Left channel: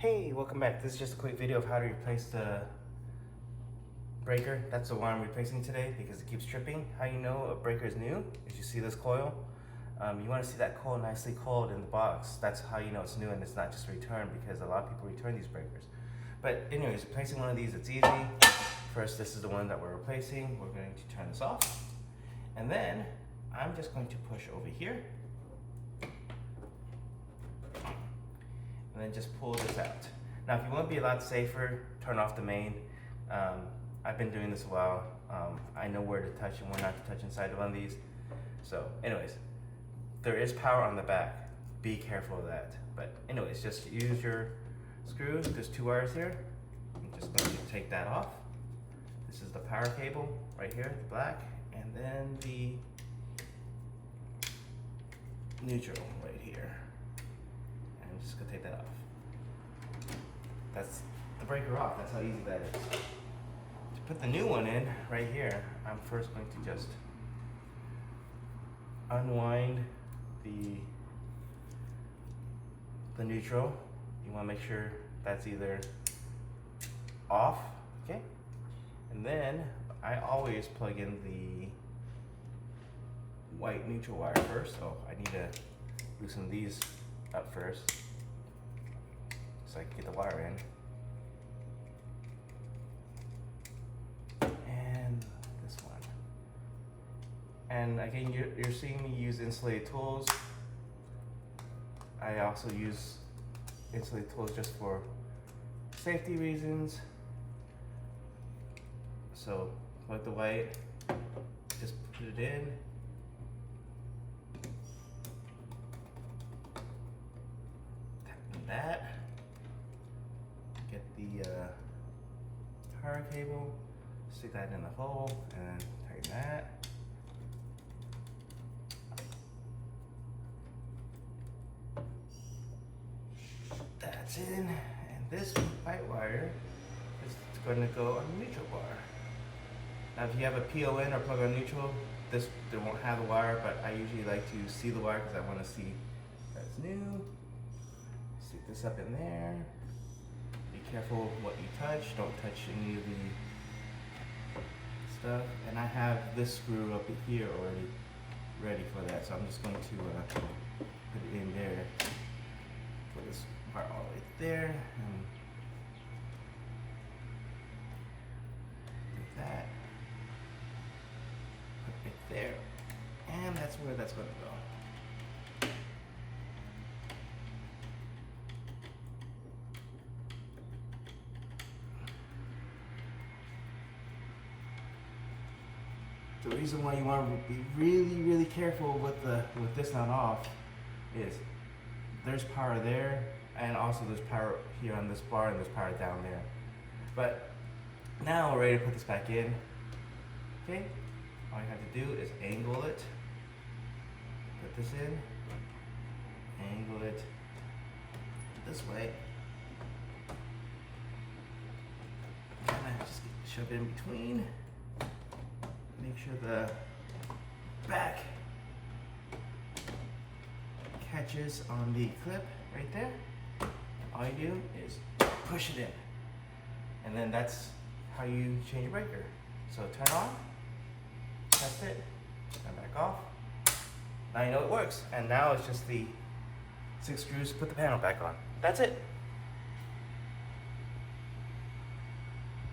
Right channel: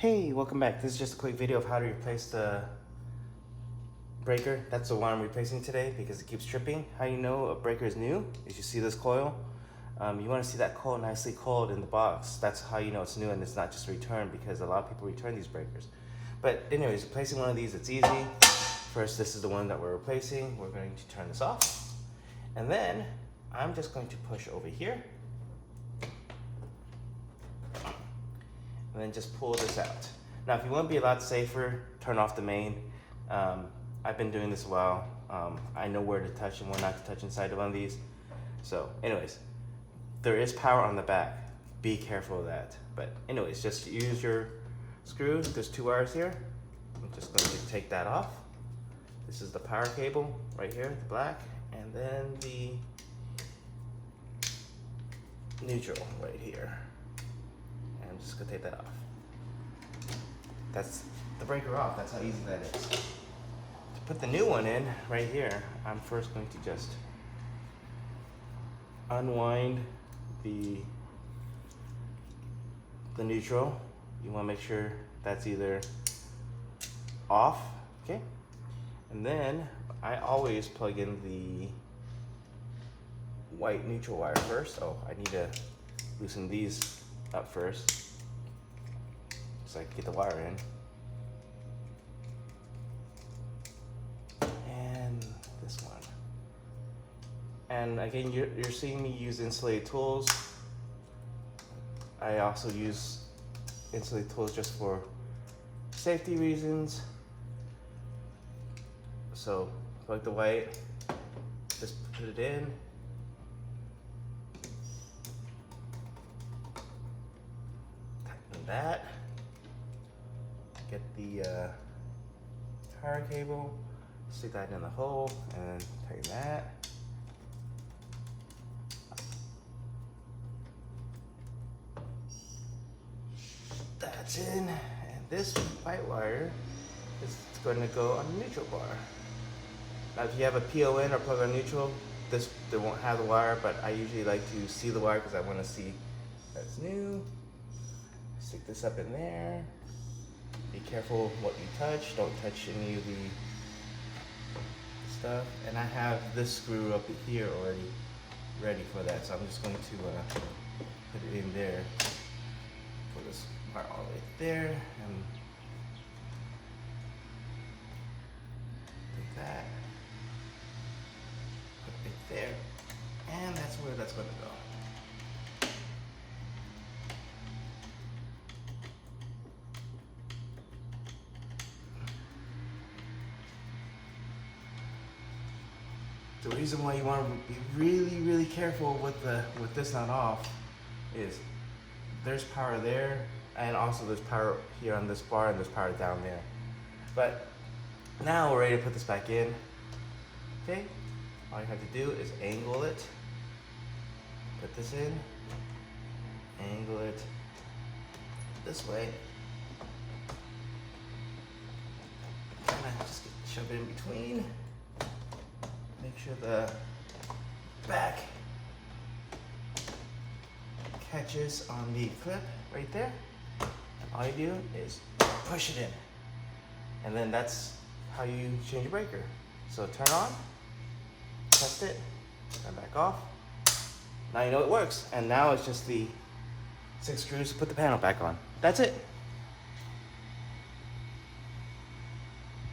Hey, welcome back. This is just a quick video of how to replace the breaker. That's the one I'm replacing today because it keeps tripping. How you know a breaker is new is you see this coil. You want to see that coil nicely coiled in the box. That's how you know it's new and it's not just a return, because a lot of people return these breakers. But anyways, replacing one of these, it's easy. First, this is the one that we're replacing. We're going to turn this off. And then I'm just going to push over here. And then just pull this out. Now, if you want to be a lot safer, turn off the main. I've been doing this a while. I know where to touch and where not to touch inside of one of these. So anyways, there is power on the back. Be careful of that. But anyways, just use your screws. There's two wires here. I'm just going to take that off. This is the power cable right here, the black, and then the neutral right here. I'm just gonna take that off. That's the breaker off. That's how easy that is. To put the new one in right here, I'm first going to just unwind the neutral. You want to make sure that's either off, okay? And then I always plug in the white neutral wire first. Oh, I need to loosen these up first so I can get the wire in. And this one. And again, you're seeing me use insulated tools. I also use insulated tools just for safety reasons. So plug the white, just put it in. Tighten that. Get the power cable, stick that in the hole, and tighten that. That's in, and this white wire is going to go on the neutral bar. Now, if you have a PON or plug on neutral, they won't have the wire, but I usually like to see the wire because I want to see that's new. Stick this up in there. Be careful what you touch. Don't touch any of the stuff. And I have this screw up here already ready for that, so I'm just going to put it in there. Put this part all the way there, and take that. Put it right there, and that's where that's going to go. The reason why you want to be really careful with this not off is there's power there, and also there's power here on this bar, and there's power down there. But now we're ready to put this back in. Okay, all you have to do is angle it, put this in, angle it this way, kind of just shove it in between. Make sure the back catches on the clip right there. And all you do is push it in. And then that's how you change your breaker. So turn on, test it, turn back off. Now you know it works. And now it's just the 6 screws to put the panel back on. That's it.